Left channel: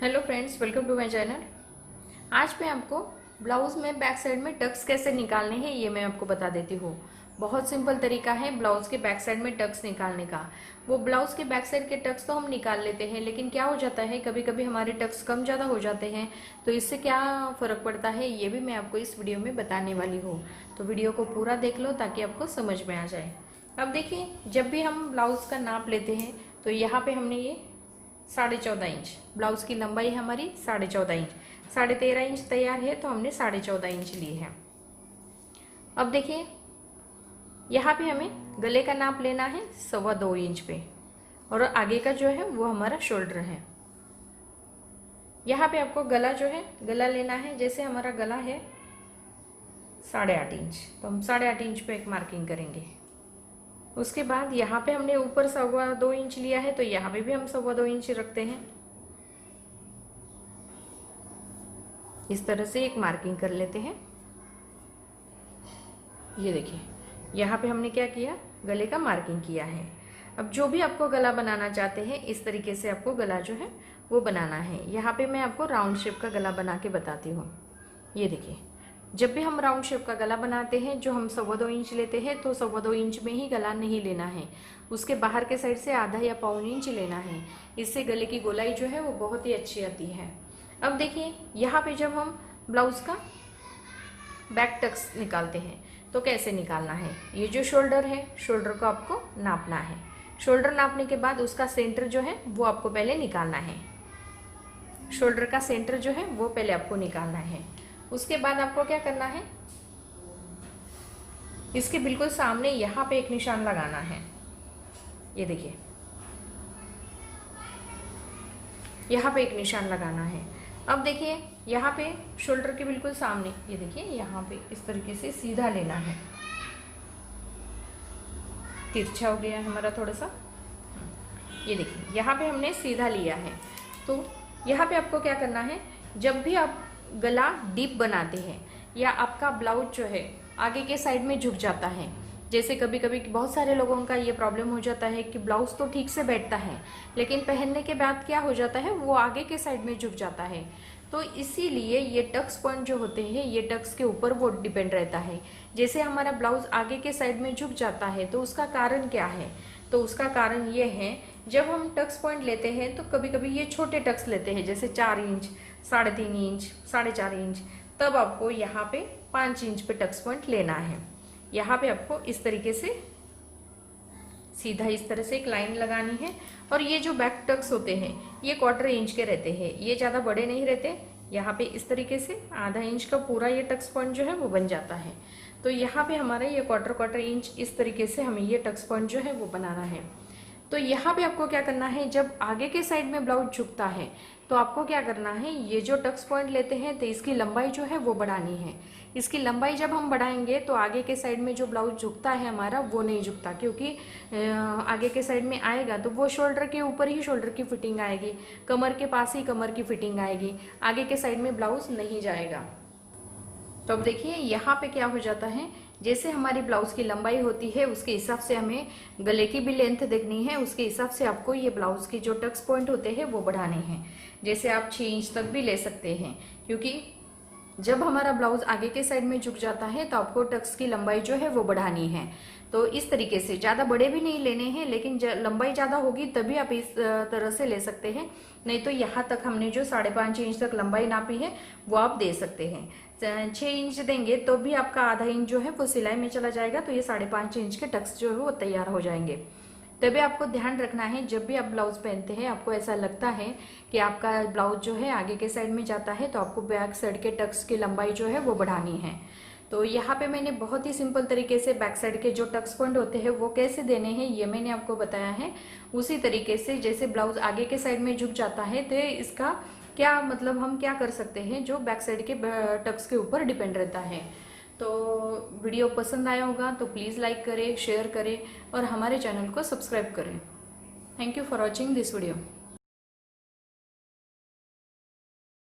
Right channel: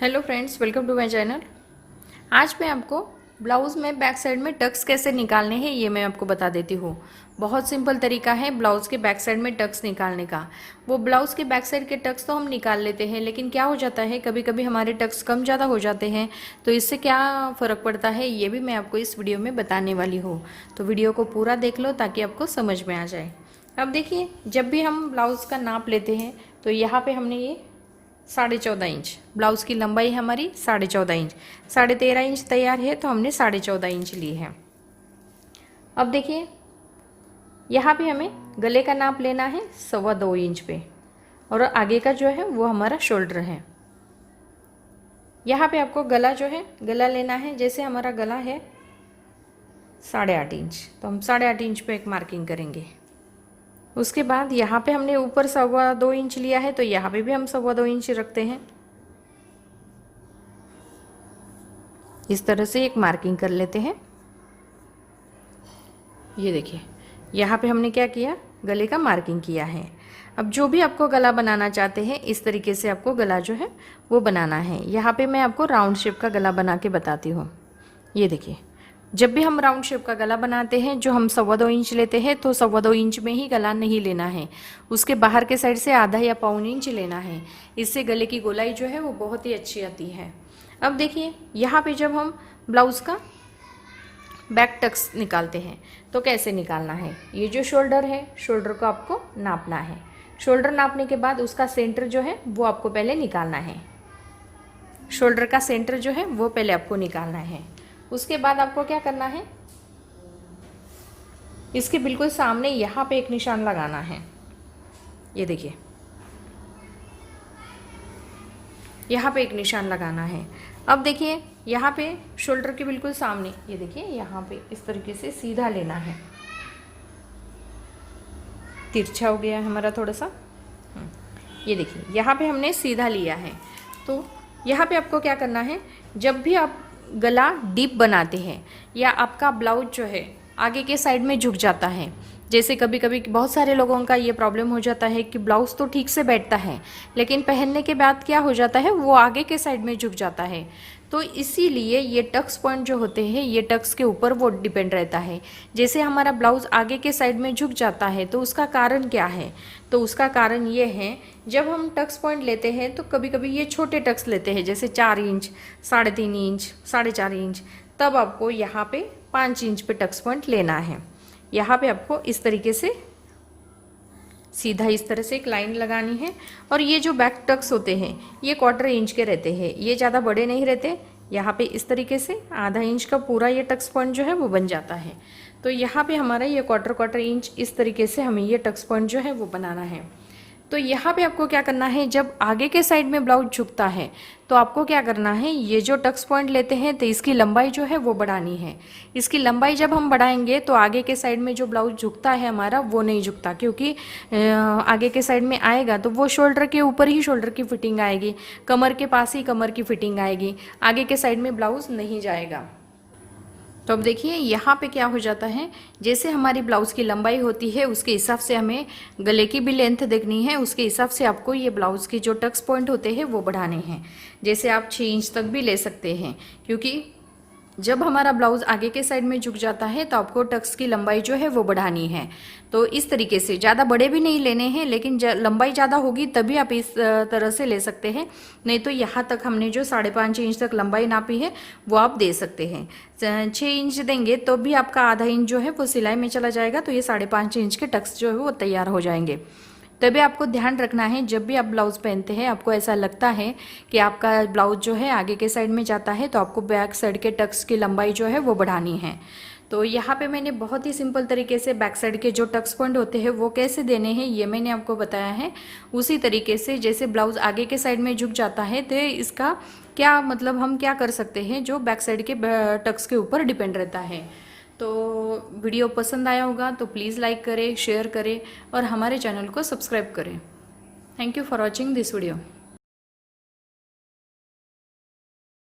Hello friends, welcome to my channel. आज मैं आपको ब्लाउज़ में बैक साइड में टक्स कैसे निकालने हैं ये मैं आपको बता देती हूँ। बहुत सिंपल तरीका है ब्लाउज़ के बैक साइड में टक्स निकालने का। वो ब्लाउज़ के बैक साइड के टक्स तो हम निकाल लेते हैं, लेकिन क्या हो जाता है कभी कभी हमारे टक्स कम ज़्यादा हो जाते हैं। तो इससे क्या फ़र्क पड़ता है ये भी मैं आपको इस वीडियो में बताने वाली हूँ। तो वीडियो को पूरा देख लो ताकि आपको समझ में आ जाए। अब देखिए, जब भी हम ब्लाउज़ का नाप लेते हैं तो यहाँ पे हमने ये 14.5 इंच ब्लाउज़ की लंबाई है हमारी 14.5 इंच। 13.5 इंच तैयार है तो हमने 14.5 इंच ली है। अब देखिए, यहाँ पे हमें गले का नाप लेना है 2.25 इंच पे, और आगे का जो है वो हमारा शोल्डर है। यहाँ पे आपको गला जो है गला लेना है। जैसे हमारा गला है 8.5 इंच, तो हम 8.5 इंच पे एक मार्किंग करेंगे। उसके बाद यहाँ पे हमने ऊपर 2.25 इंच लिया है तो यहाँ पे भी हम 2.25 इंच रखते हैं। इस तरह से एक मार्किंग कर लेते हैं। ये देखिए, यहाँ पे हमने क्या किया, गले का मार्किंग किया है। अब जो भी आपको गला बनाना चाहते हैं इस तरीके से आपको गला जो है वो बनाना है। यहाँ पे मैं आपको राउंड शेप का गला बना के बताती हूँ। ये देखिए, जब भी हम राउंड शेप का गला बनाते हैं जो हम 2.25 इंच लेते हैं तो 2.25 इंच में ही गला नहीं लेना है, उसके बाहर के साइड से आधा या 1.25 इंच लेना है। इससे गले की गोलाई जो है वो बहुत ही अच्छी आती है। अब देखिए, यहाँ पे जब हम ब्लाउज़ का बैक टक्स निकालते हैं तो कैसे निकालना है। ये जो शोल्डर है, शोल्डर को आपको नापना है। शोल्डर नापने के बाद उसका सेंटर जो है वो आपको पहले निकालना है। शोल्डर का सेंटर जो है वो पहले आपको निकालना है। उसके बाद आपको क्या करना है, इसके बिल्कुल सामने यहाँ पे एक निशान लगाना है। ये देखिए, यहाँ पे एक निशान लगाना है। अब देखिए, यहाँ पे शोल्डर के बिल्कुल सामने ये देखिए, यहाँ पे इस तरीके से सीधा लेना है। तिरछा हो गया है हमारा थोड़ा सा। ये देखिए, यहाँ पे हमने सीधा लिया है। तो यहाँ पे आपको क्या करना है, जब भी आप गला डीप बनाते हैं या आपका ब्लाउज जो है आगे के साइड में झुक जाता है, जैसे कभी कभी बहुत सारे लोगों का ये प्रॉब्लम हो जाता है कि ब्लाउज़ तो ठीक से बैठता है लेकिन पहनने के बाद क्या हो जाता है वो आगे के साइड में झुक जाता है। तो इसीलिए ये टक्स पॉइंट जो होते हैं ये टक्स के ऊपर वो डिपेंड रहता है। जैसे हमारा ब्लाउज़ आगे के साइड में झुक जाता है तो उसका कारण क्या है, तो उसका कारण ये है, जब हम टक्स पॉइंट लेते हैं तो कभी कभी ये छोटे टक्स लेते हैं, जैसे 4 इंच, 3.5 इंच, 4.5 इंच, तब आपको यहाँ पे 5 इंच पे टक्स पॉइंट लेना है। यहाँ पे आपको इस तरीके से सीधा इस तरह से एक लाइन लगानी है। और ये जो बैक टक्स होते हैं ये 1/4 इंच के रहते हैं, ये ज़्यादा बड़े नहीं रहते। यहाँ पे इस तरीके से आधा इंच का पूरा ये टक्स पॉइंट जो है वो बन जाता है। तो यहाँ पे हमारा ये 1/4 इंच इस तरीके से हमें ये टक्स पॉइंट जो है वो बनाना है। तो यहाँ पे आपको क्या करना है, जब आगे के साइड में ब्लाउज झुकता है तो आपको क्या करना है, ये जो टक्स पॉइंट लेते हैं तो इसकी लंबाई जो है वो बढ़ानी है। इसकी लंबाई जब हम बढ़ाएंगे तो आगे के साइड में जो ब्लाउज झुकता है हमारा वो नहीं झुकता, क्योंकि आगे के साइड में आएगा तो वो शोल्डर के ऊपर ही शोल्डर की फिटिंग आएगी, कमर के पास ही कमर की फिटिंग आएगी, आगे के साइड में ब्लाउज नहीं जाएगा। तो अब देखिए, यहाँ पे क्या हो जाता है, जैसे हमारी ब्लाउज़ की लंबाई होती है उसके हिसाब से हमें गले की भी लेंथ देखनी है, उसके हिसाब से आपको ये ब्लाउज़ के जो टक्स पॉइंट होते हैं वो बढ़ाने हैं। जैसे आप 6 इंच तक भी ले सकते हैं, क्योंकि जब हमारा ब्लाउज आगे के साइड में झुक जाता है तो आपको टक्स की लंबाई जो है वो बढ़ानी है। तो इस तरीके से ज़्यादा बड़े भी नहीं लेने हैं, लेकिन लंबाई ज़्यादा होगी तभी आप इस तरह से ले सकते हैं। नहीं तो यहाँ तक हमने जो 5.5 इंच तक लंबाई नापी है वो आप दे सकते हैं। 6 इंच देंगे तो भी आपका आधा इंच जो है वो सिलाई में चला जाएगा, तो ये 5.5 इंच के टक्स जो है वो तैयार हो जाएंगे। तभी आपको ध्यान रखना है, जब भी आप ब्लाउज़ पहनते हैं आपको ऐसा लगता है कि आपका ब्लाउज जो है आगे के साइड में जाता है तो आपको बैक साइड के टक्स की लंबाई जो है वो बढ़ानी है। तो यहाँ पे मैंने बहुत ही सिंपल तरीके से बैक साइड के जो टक्स पॉइंट होते हैं वो कैसे देने हैं ये मैंने आपको बताया है। उसी तरीके से जैसे ब्लाउज आगे के साइड में झुक जाता है तो इसका क्या मतलब, हम क्या कर सकते हैं जो बैक साइड के टक्स के ऊपर डिपेंड रहता है। तो वीडियो पसंद आया होगा तो प्लीज़ लाइक करें, शेयर करें और हमारे चैनल को सब्सक्राइब करें। Thank you for watching this video.